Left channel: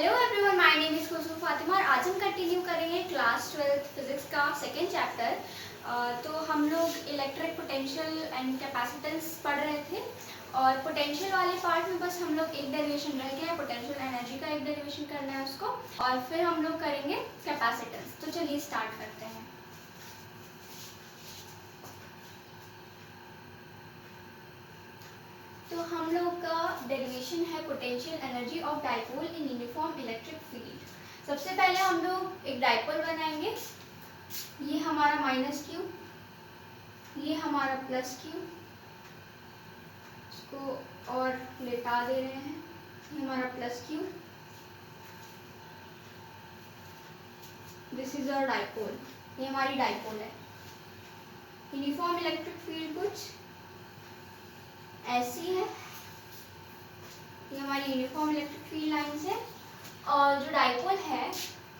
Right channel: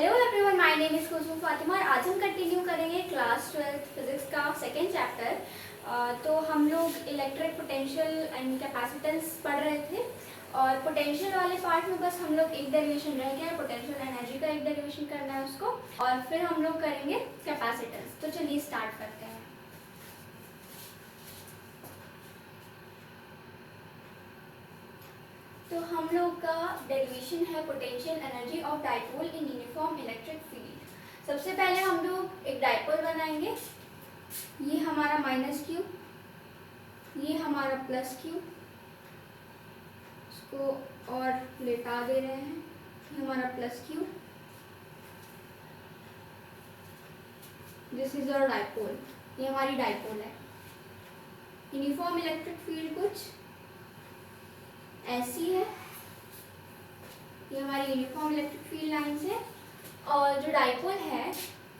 Hello everyone, my name is Khushboo Fatima और आज हम कंटिन्यू करेंगे क्लास 12 फिजिक्स का सेकेंड चैप्टर। तो हम लोग इलेक्ट्रिक पोटेंशियल एंड कैपेसिटेंस पढ़ रहे थे और पोटेंशियल वाले पार्ट में बस हम लोग एक डेरिवेशन रह गया है, पोटेंशियल एनर्जी का एक डेरिवेशन करना है उसको, और फिर हम लोग करेंगे कैपेसिटेंस। तो चलिए स्टार्ट करते हैं। तो हम लोग का डेरिवेशन है potential energy of dipole in uniform electric field. सबसे पहले हम लोग एक डाइपोल बनाएंगे। ये हमारा माइनस क्यू, ये हमारा प्लस क्यू, इसको और लेटा दे रहे हैं। ये हमारा plus Q, this is our dipole. ये हमारी डाइपोल है। यूनिफॉर्म इलेक्ट्रिक फील्ड कुछ ऐसी है। ये हमारी यूनिफॉर्म इलेक्ट्रिक फील्ड लाइंस है और जो डाइपोल है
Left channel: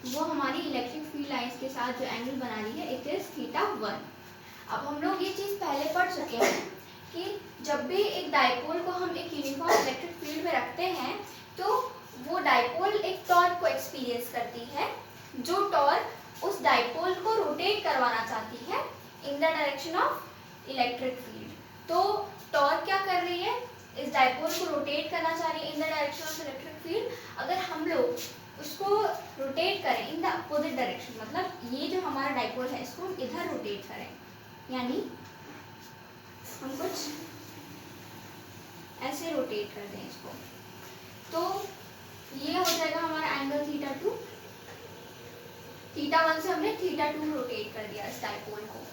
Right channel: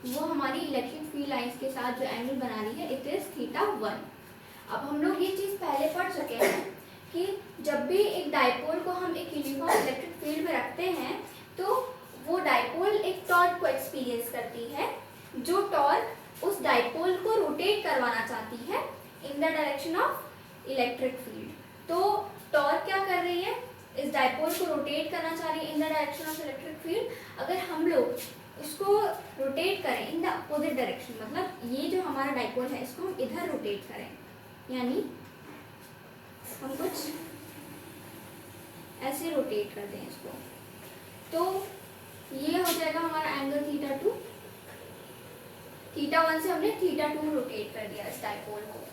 वो हमारी इलेक्ट्रिक फील्ड लाइंस के साथ जो एंगल बना रही है इट इज θ1। अब हम लोग ये चीज़ पहले पढ़ चुके हैं कि जब भी एक डाइपोल को हम एक यूनिफॉर्म इलेक्ट्रिक फील्ड में रखते हैं तो वो डाइपोल एक टॉर्क को एक्सपीरियंस करती है, जो टॉर्क उस डाइपोल को रोटेट करवाना चाहती है in the direction of electric field. तो टॉर्क क्या कर रही है, इस डाइपोल को रोटेट करना चाह रही है in the direction of electric field. अगर हम लोग उसको रोटेट करें इन द अपोजिट डायरेक्शन, मतलब ये जो हमारा डाइपोल है इसको हम इधर रोटेट करें, यानी हम कुछ ऐसे रोटेट कर दें इसको, तो ये हो जाएगा हमारा एंगल θ2। θ1 से हमने θ2 रोटेट कर दिया इस डाइपोल को।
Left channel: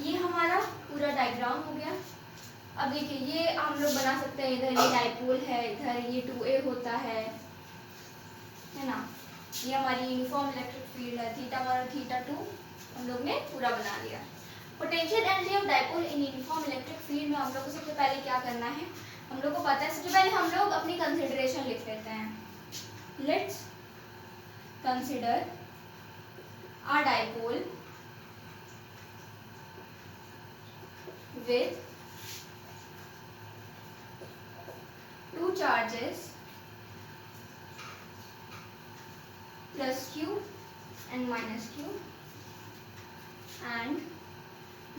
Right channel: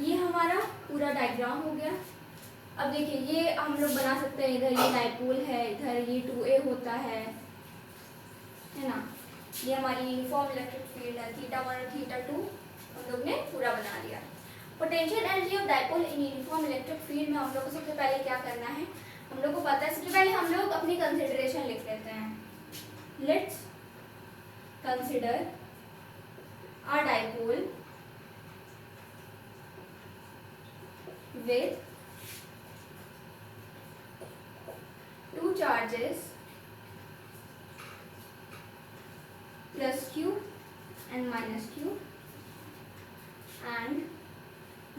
ये हमारा पूरा डायग्राम हो गया। अब देखिए ये हम लोग बना सकते हैं, इधर ये डाइपोल है, इधर ये 2a होता है ना। ये हमारी यूनिफॉर्म इलेक्ट्रिक फील्ड है, θ1 और θ2 हम लोग ने पूरा बना लिया। Potential energy of dipole in uniform electric field में हम लोग को सबसे पहले क्या करना है, हम लोग को पता है। सबसे पहले हम लोग अपनी कंसिडरेशन लिख लेते हैं। Let's consider a dipole with two charges plus q and minus q and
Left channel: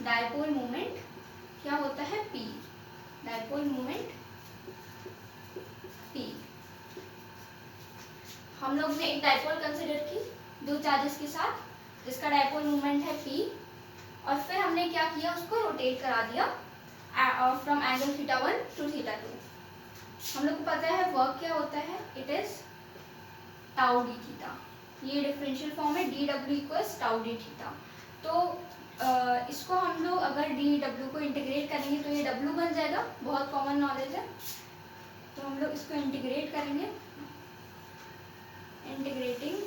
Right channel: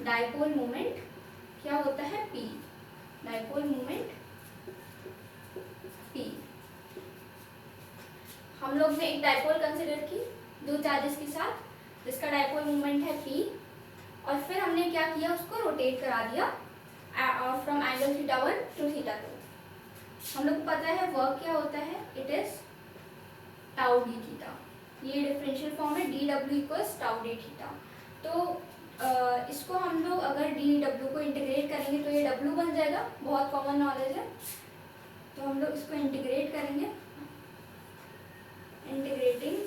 dipole moment क्या होता है p, dipole moment p। हम लोग ने एक डाइपोल कंसिडर की दो चार्जेस के साथ जिसका डाइपोल मोमेंट है p, और फिर हमने क्या किया, उसको रोटेट करा दिया फ्रॉम एंगल θ1 टू θ2। हम लोग को पता है वर्क क्या होता है, it is tau D theta. ये डिफरेंशियल फॉर्म है dw equals tau D theta. तो इसको हम लोग अगर dw को इंटीग्रेट करेंगे तो ये w बन जाएगा, बहुत कॉमन नॉलेज है। तो हम लोग इसको इंटीग्रेट करेंगे, इंटीग्रेटिंग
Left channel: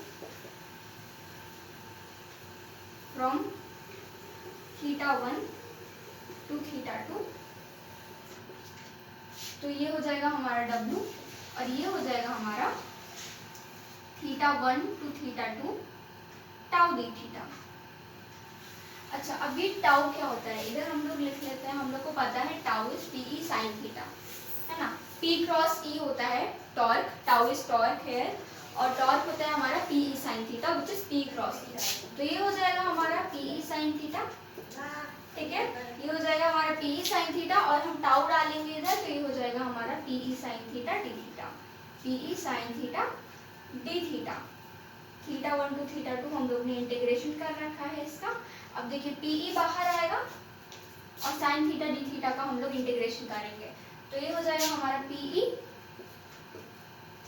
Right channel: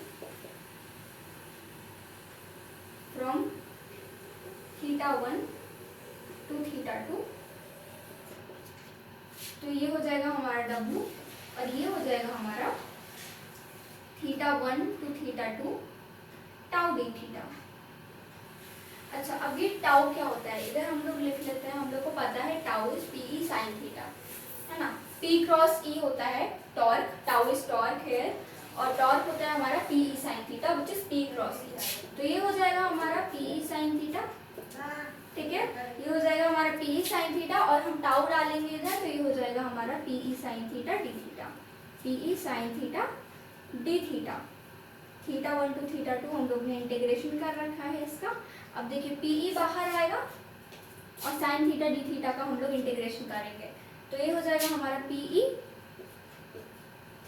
फ्रॉम θ1 टू θ2। तो ये हो जाएगा हमारा w और ये हो जाएगा हमारा θ1 टू θ2 टाउ डी थीटा। अच्छा, अब ये टाउ क्या होता है, इधर हम लोग लिख लेते हैं। हम लोग को पता है tau is P sine theta, है ना। p क्रॉस e होता है टॉर्क, टाउ इज टॉर्क है, और टॉर्क होता है हमारा P sine theta which is p cross e। तो ये हो जाएगा हमारा पी साइन थीटा, ठीक है। ये हो जाएगा हमारा पी साइन थीटा और हम टाउ डालेंगे इधर, तो ये हो जाएगा हमारा P sine theta D theta, P sine theta D theta. θ1 to θ2 हम लोग ने इंटीग्रेशन कर रखा है इसका। अब देखिए पी बाहर आएगा और साइन थीटा डी थीटा का हम लोग इंटीग्रेशन करेंगे, तो ये हो जाएगा हमारा पी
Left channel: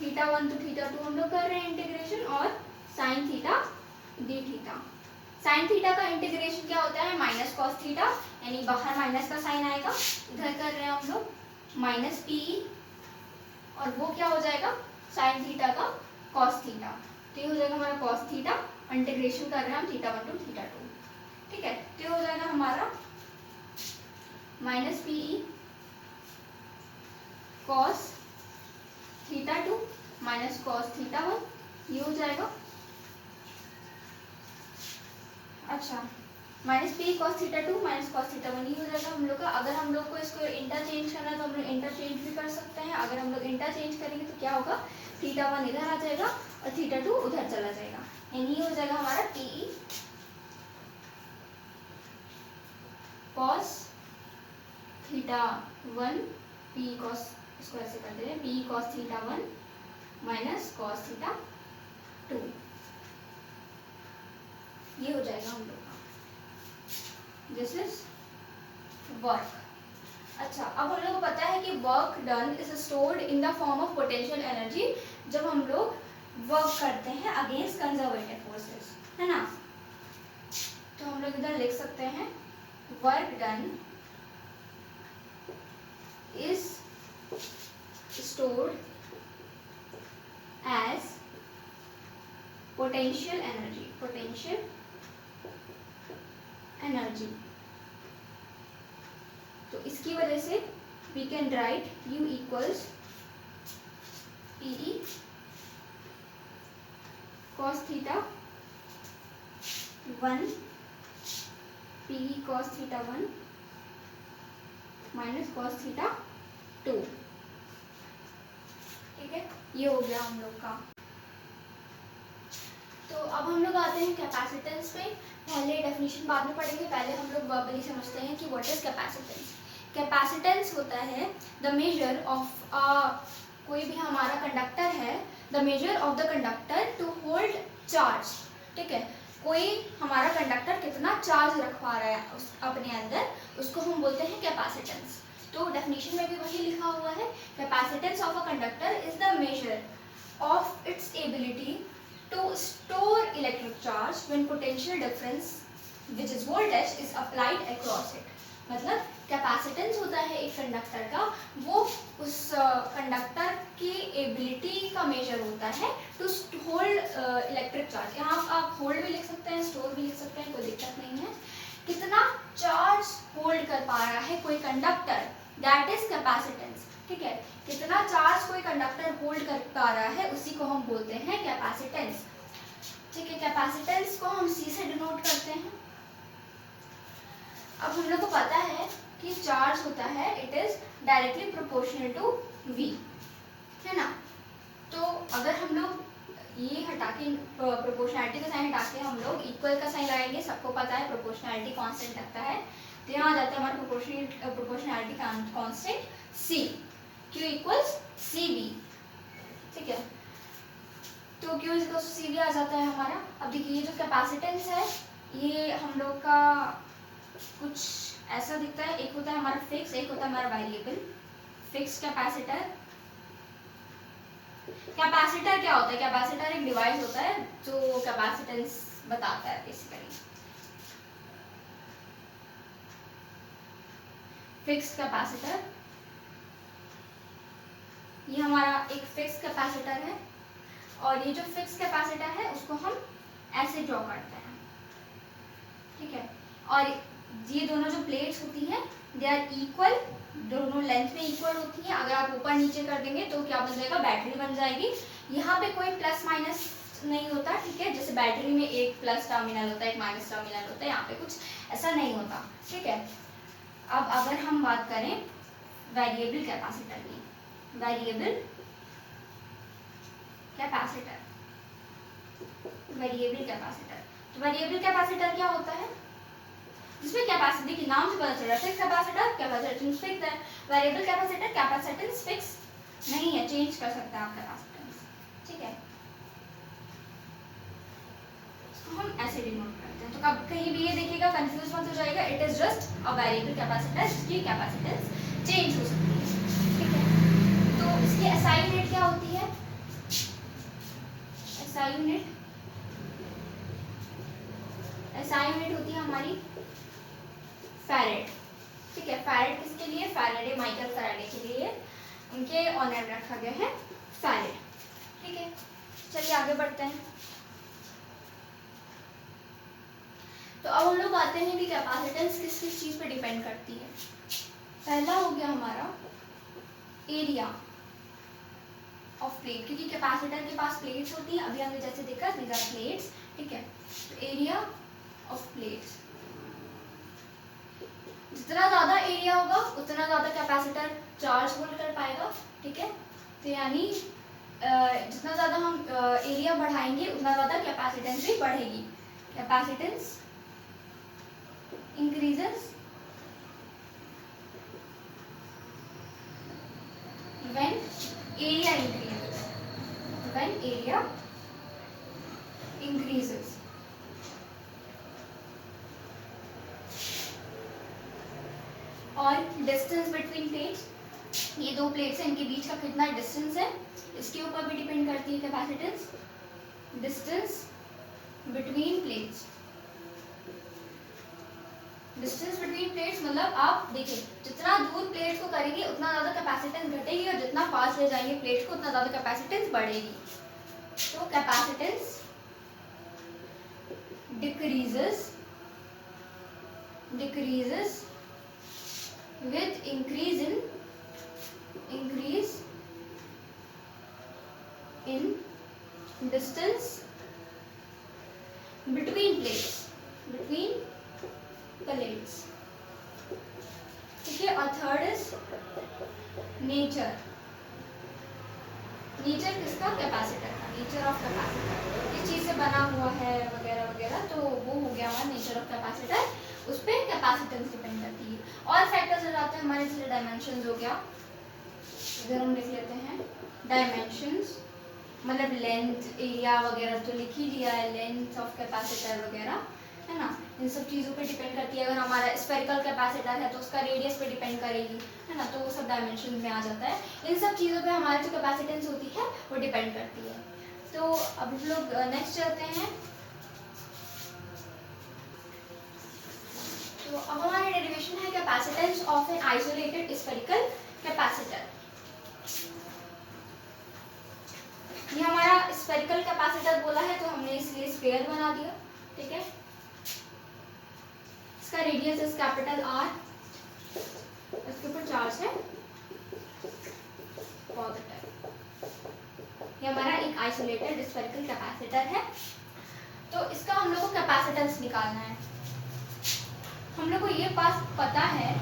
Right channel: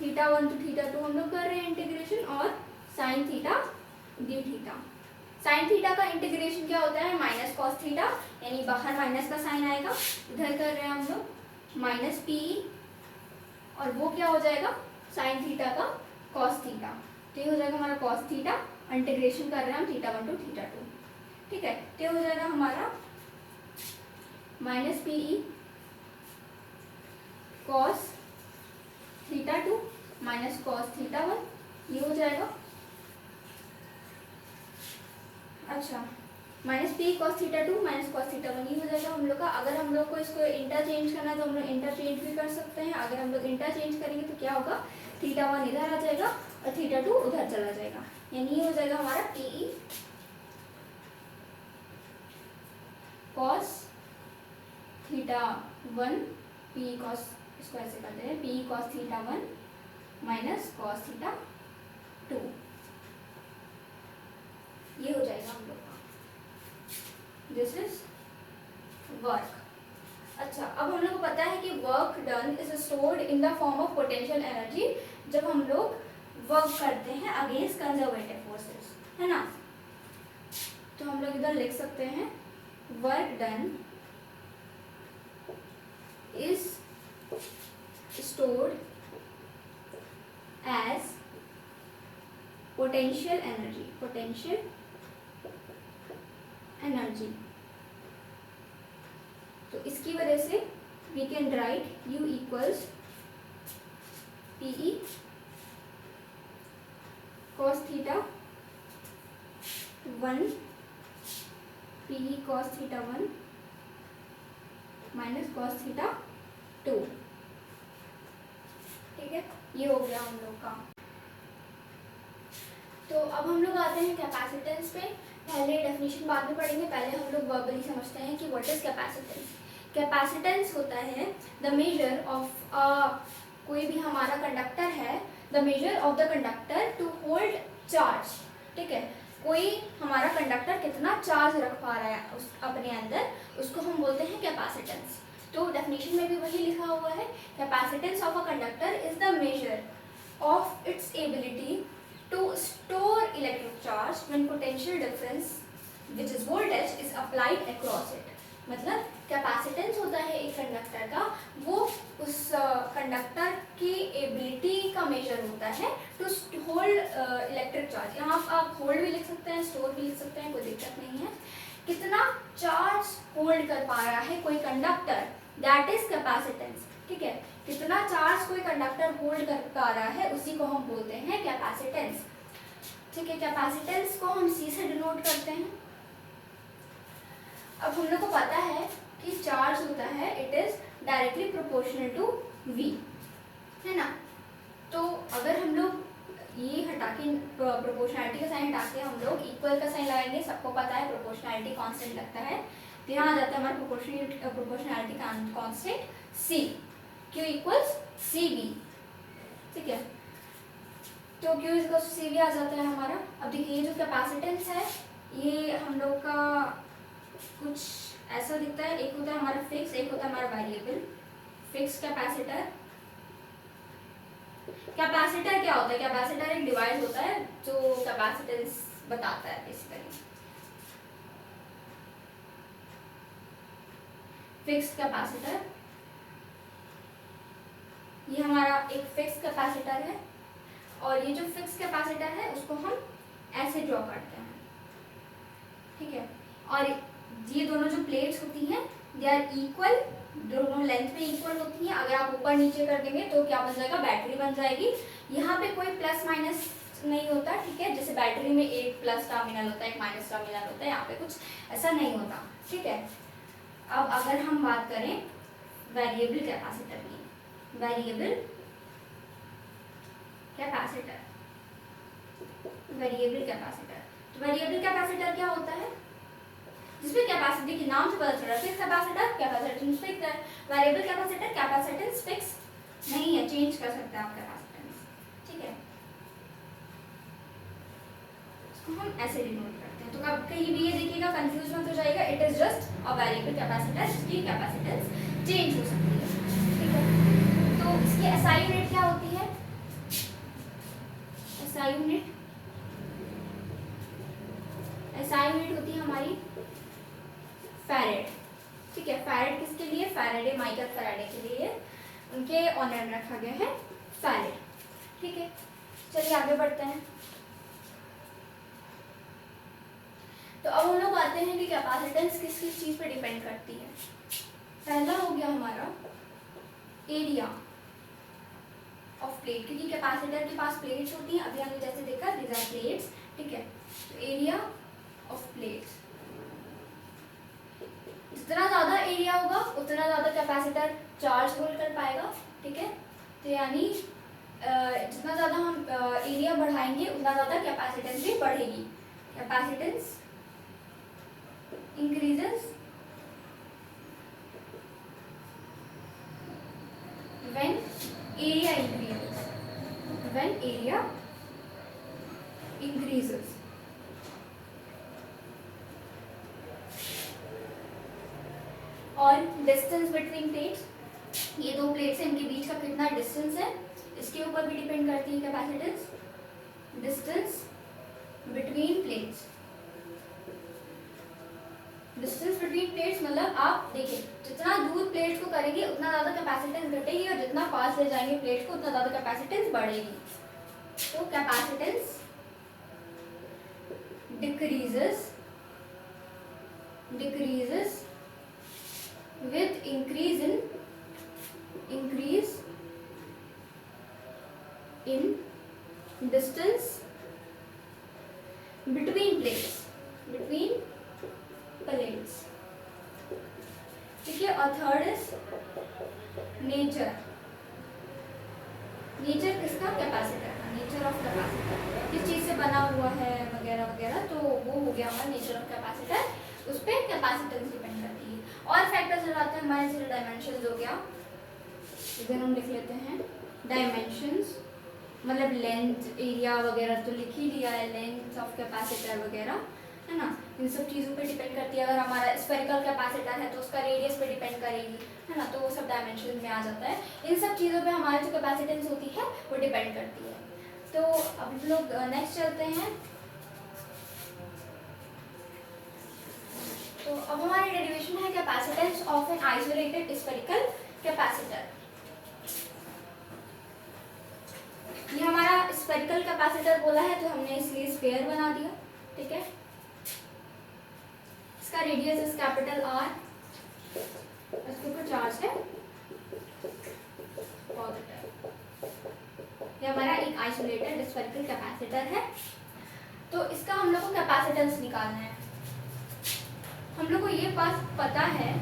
θ1 टू θ2 हम लोग कर रहे हैं इंटीग्रेशन, और sign theta D theta. Sine theta का इंटीग्रेशन क्या होता है, माइनस कॉस थीटा, यानी बाहर माइनस का साइन आएगा, इधर कर रहे हैं हम लोग माइनस पी, और वो क्या हो जाएगा साइन थीटा का कॉस थीटा। तो ये हो जाएगा हमारा कॉस थीटा, इंटीग्रेशन कर रहे हैं हम θ1 टू θ2, ठीक है। तो ये हो जाएगा हमारा minus P cos θ2 minus cos θ1, ये हो जाएगा। अच्छा, minus P cos θ2 minus cos θ1 ये हो जाएगा हम लोग का। अगर हम लोग को इसको इंटरचेंज करना है तो हम लोग इंटरचेंज भी कर सकते हैं। अगर हम लोग इंटरचेंज करेंगे तो क्या होगा, θ1 इधर आ जाएगा और θ2 उधर चला जाएगा, यानी ये हो जाएगा हमारा PE cos θ1 PE cos, इसको ऐसे कर दे रहे हैं, PE cos θ1 माइनस cos θ2, ये हो जाएगा हम लोग का, दिस इज वर्क। अच्छा, अब हम लोग को पता है कि work done is stored in the form of potential energy, जब हम लोग वर्क करते हैं अगेंस्ट कंजर्वेटिव फोर्सेस, है ना। तो हम लोग इधर लिख सकते हैं work done is stored as potential energy, potential energy. तो इसकी वजह से we can write U equals PE cos θ1 PE cos θ1 minus cos θ2, ठीक है, ये हो गया हम लोग का। तो अब हम लोग आते हैं कैपेसिटेंस पे। पहले डेफिनेशन बाद में पढ़ेंगे, पहले हम लोग वर्बली समझते हैं कि व्हाट इज कैपेसिटेंस। कैपेसिटेंस होता है द मेजर ऑफ कोई भी हमारा कंडक्टर है, the measure of the conductor to hold charge, ठीक है, कोई हमारा कंडक्टर कितना चार्ज रख पा रहा है उस अपने अंदर, उसको हम बोलते हैं कैपेसिटेंस। तो डेफिनेशन में भी वही लिखा हुआ है, capacitance of a conductor is the measure of its ability to store electric charge when potential difference which is voltage is applied across it। मतलब कैपेसिटेंस होता है एक कंडक्टर का, वो उस कंडक्टर की एबिलिटी का मेजर होता है टू होल्ड इलेक्ट्रिक चार्ज। यहाँ आप होल्ड भी लिख सकते हैं, स्टोर भी लिख सकते हैं, कोई दिक्कत नहीं है। कितना चार्ज होल्ड कर पा रहा है कोई कंडक्टर, दैट इज कैपेसिटेंस, ठीक है। कितना चार्ज कोई कंडक्टर होल्ड कर पा रहा है उसी को हम बोलते हैं कैपेसिटेंस, ठीक है। कैपेसिटेंस को हम C से डिनोट करते हैं। अब हम लोग को पता है कि चार्ज होता है, it is directly proportional to V, है ना। तो अगर हम लोग ये हटा के प्रोपोर्शनैलिटी का साइन हटा के हम लोग इक्वल का साइन लाएंगे, सबको पता है प्रोपोर्शनैलिटी कांस्टेंट लगता है, तो यहाँ आ जाता है हमारा proportionality constant C, Q equals CV, ठीक है। तो Q इक्वल्स CV आ जाता है हमारा। अब देखिए ये जो कैपेसिटेंस है ये हम लोग का कुछ ऐसा दिखता है, एक होता है हमारा फिक्स, एक होता है हमारा वेरिएबल। फिक्स कैपेसिटर, कैपेसिटर क्या होता है, कैपेसिटर एक डिवाइस होता है जो कैपेसिटेंस बताता है बेसिकली। फिक्स कैपेसिटर, ये हमारा एक फिक्स कैपेसिटर है, और ये जो फिक्स कैपेसिटर है उसको हम ऐसे ड्रॉ करते हैं, ठीक है। और ये दोनों जो प्लेट्स होती हैं दे आर इक्वल, दोनों लेंथ में इक्वल होती हैं। अगर आप ऊपर नीचे कर देंगे तो क्या बन जाएगा, बैटरी बन जाएगी। यहाँ पे कोई प्लस माइनस नहीं होता, ठीक है। जैसे बैटरी में एक प्लस टर्मिनल होता है, एक माइनस टर्मिनल होता है, यहाँ पे कुछ ऐसा नहीं होता, ठीक है। अब अगर हम बात करें वेरिएबल कैपेसिटर की, वेरिएबल कैपेसिटर, वेरिएबल कैपेसिटर, तो वेरिएबल कैपेसिटर क्या होता है, जिसमें कैपेसिटी के नाम से पता चल रहा है फिक्स कैपेसिटर, कैपेसिटेंस फिक्स है। वेरिएबल कैपेसिटर कैपेसिटेंस फिक्स नहीं है, चेंज कर सकते हैं आप कैपेसिटेंस, ठीक है। तो हम ऐसे डिनोट करते हैं, तो कब कहीं भी ये देखिएगा कंफ्यूज मत हो जाएगा, it is just a variable capacitor जिसकी कैपेसिटेंस चेंज हो सकती है, ठीक है। तो इसकी एसआई यूनिट क्या होती है, एसआई यूनिट, एसआई यूनिट होती है हमारी फैरेड, ठीक है। फैरेड किसके लिए, फैराडे, माइकल फैराडे के लिए उनके ऑनर में रखा गया है फैरेड, ठीक है। चलिए आगे बढ़ते हैं। तो अब हम लोग आते हैं कि कैपेसिटेंस किस किस चीज पे डिपेंड करती है। पहला हो गया हमारा एरिया ऑफ प्लेट, क्योंकि कैपेसिटर के पास प्लेट्स होती हैं, अभी हमने जैसे देखा दीज आर प्लेट्स, ठीक है। तो एरिया ऑफ प्लेट्स, जितना ज्यादा एरिया होगा उतना ज्यादा कैपेसिटर चार्ज होल्ड कर पाएगा, ठीक है। तो यानी बढ़ाएंगे उतना ज़्यादा कैपेसिटेंस भी बढ़ेगी। Capacitance increases when area increases, when area increases। और डिस्टेंस बिटवीन प्लेट्स, ये दो प्लेट्स हैं, इनके बीच का कितना डिस्टेंस है इसके ऊपर भी डिपेंड करती है capacitance. Distance between plates, distance between plates मतलब आप देखिए जितना दूर प्लेट्स को करेंगे उतना ज़्यादा कैपेसिटेंस घटेगी और जितना पास ले जाएंगे प्लेट्स को उतना ज़्यादा कैपेसिटेंस बढ़ेगी। तो capacitance decreases with increase in distance between plates, ठीक है। और थर्ड इज नेचर किसका, कैपेसिटर का, नेचर ऑफ कैपेसिटर किस चीज से बना हुआ है वगैरह वगैरह, तो वो हो गया हमारा नेचर ऑफ कैपेसिटर, उस पर कैपेसिटेंस डिपेंड करती है। और फैक्टर्स हो जाते हैं हमारे, जैसे डायमेंशंस हो गया, इधर हम लिख लेते हैं डायमेंशंस, मतलब लेंथ एरिया वगैरह तो लिख ही लिया है, लेंथ ऑफ कैपेसिटर वगैरह है ना, इन सब चीज़ों पे डिपेंड करती है। अगर हमारा स्फेरिकल कैपेसिटर है तो उसका रेडियस पे डिपेंड करेगी, है ना, तो वो सब डायमेंशन में आ जाता है। इन सब चीज़ों पे हमारी जो कैपेसिटेंस होती है वो डिपेंड करती है। तो अब हम लोग नेक्स्ट चलते हैं। तो अब हमारी डेरिवेशन है capacitance of an isolated spherical capacitor. ये हमारा स्फेरिकल कैपेसिटर बोला है तो हमने इसलिए स्फेयर बना दिया, ठीक है। इसका रेडियस इज कैपिटल आर, इसके ऊपर चार्ज है पॉजिटिव। ये हमारा एक आइसोलेटेड स्फेरिकल कैपेसिटर है। तो इसका हम लोग को कैपेसिटेंस निकालना है। हम लोग को ये बात पता है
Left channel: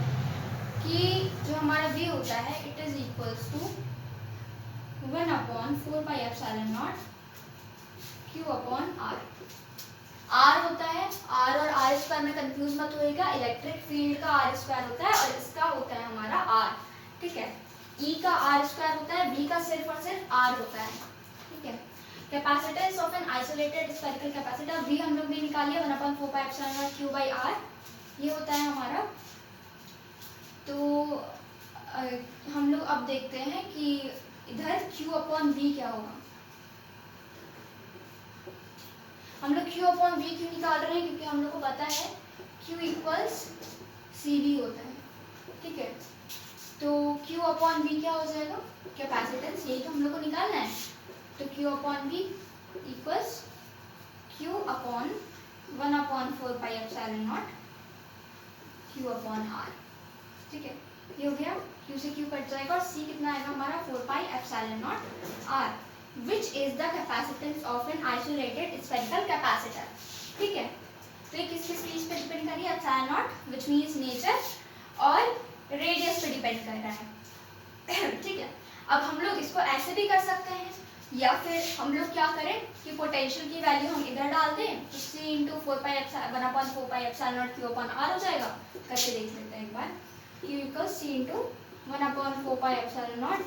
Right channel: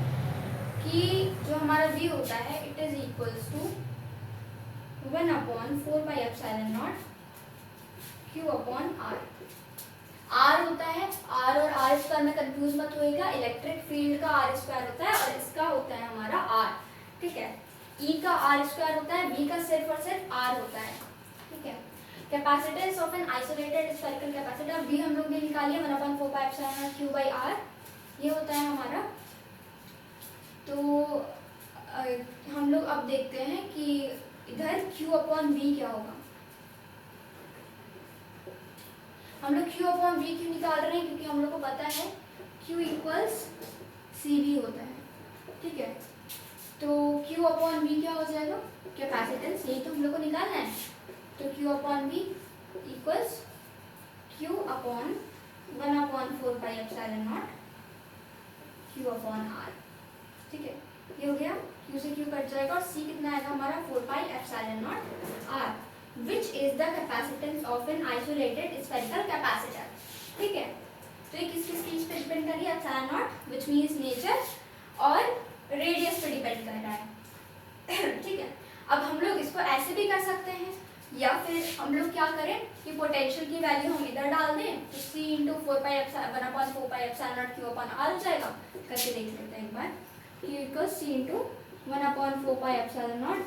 कि जो हमारा V होता है it is equals to 1/4πε0 Q/R। R होता है, R और R स्क्वायर में कंफ्यूज मत होइएगा, इलेक्ट्रिक फील्ड का R स्क्वायर होता है और इसका होता है हमारा R, ठीक है। E का R स्क्वायर होता है, V का सिर्फ और सिर्फ R होता है, ठीक है। Capacitance of an isolated spherical capacitor, V हम लोग ने निकाली 1/4πε0 Q/R, ये होता है हमारा। तो हम लोग अब देखते हैं कि इधर Q/V क्या होगा। हम लोग Q/V क्यों निकाल रहे हैं, क्योंकि हम लोग को पता है Q इक्वल्स CV होता है, ठीक है। तो Q/V क्या हो जाएगा, कैपेसिटेंस, यही तो हम लोग को निकालना है। तो Q/V इक्वल्स Q/1/4πε0 Q/R, ठीक है। ये हो गया, Q से Q कट जाएगा और C कितना आएगा हमारा 4πε0 R, which is the capacitance of an isolated spherical capacitor, ठीक है। तो ये किस चीज पे डिपेंड कर रही है, ε0 which means nature और रेडियस पे डिपेंड कर रहा है, ठीक है। अब हम लोग इसको ऐसे भी कर सकते हैं या फिर हम लोग क्या करें कि पोटेंशियल की वैल्यू हम इधर डाल दें तो C × 1/4πε0 Q/R हो जाएगा। करके देख लेते हैं एक बार, Q = C × 1/4πε0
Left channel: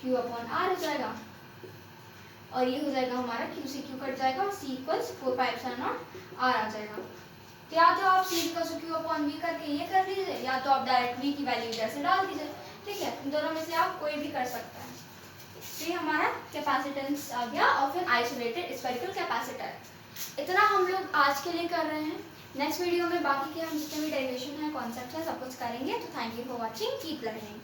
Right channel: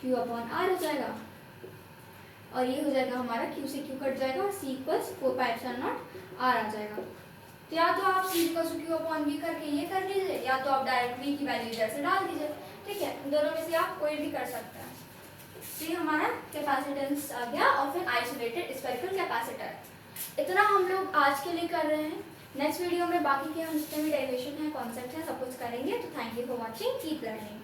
Q/R हो जाएगा और ये हो जाएगा हमारा Q से Q कट जाएगा और C = 4πε0 R आ जाएगा। तो या तो आप C = Q/V करके ये कर लीजिए या तो आप डायरेक्ट V की वैल्यू जैसे डाल दीजिए, ठीक है। इन दोनों में से आप कोई भी कर सकते हैं। तो ये हमारा कैपेसिटेंस आ गया of an isolated spherical capacitor. इतना हम लोग आज के लिए कर रहे हैं। नेक्स्ट वीडियो में बाकी के हम जितने भी डेरिवेशन है, कॉन्सेप्ट है, सब कुछ करेंगे। तो thank you for watching, keep learning.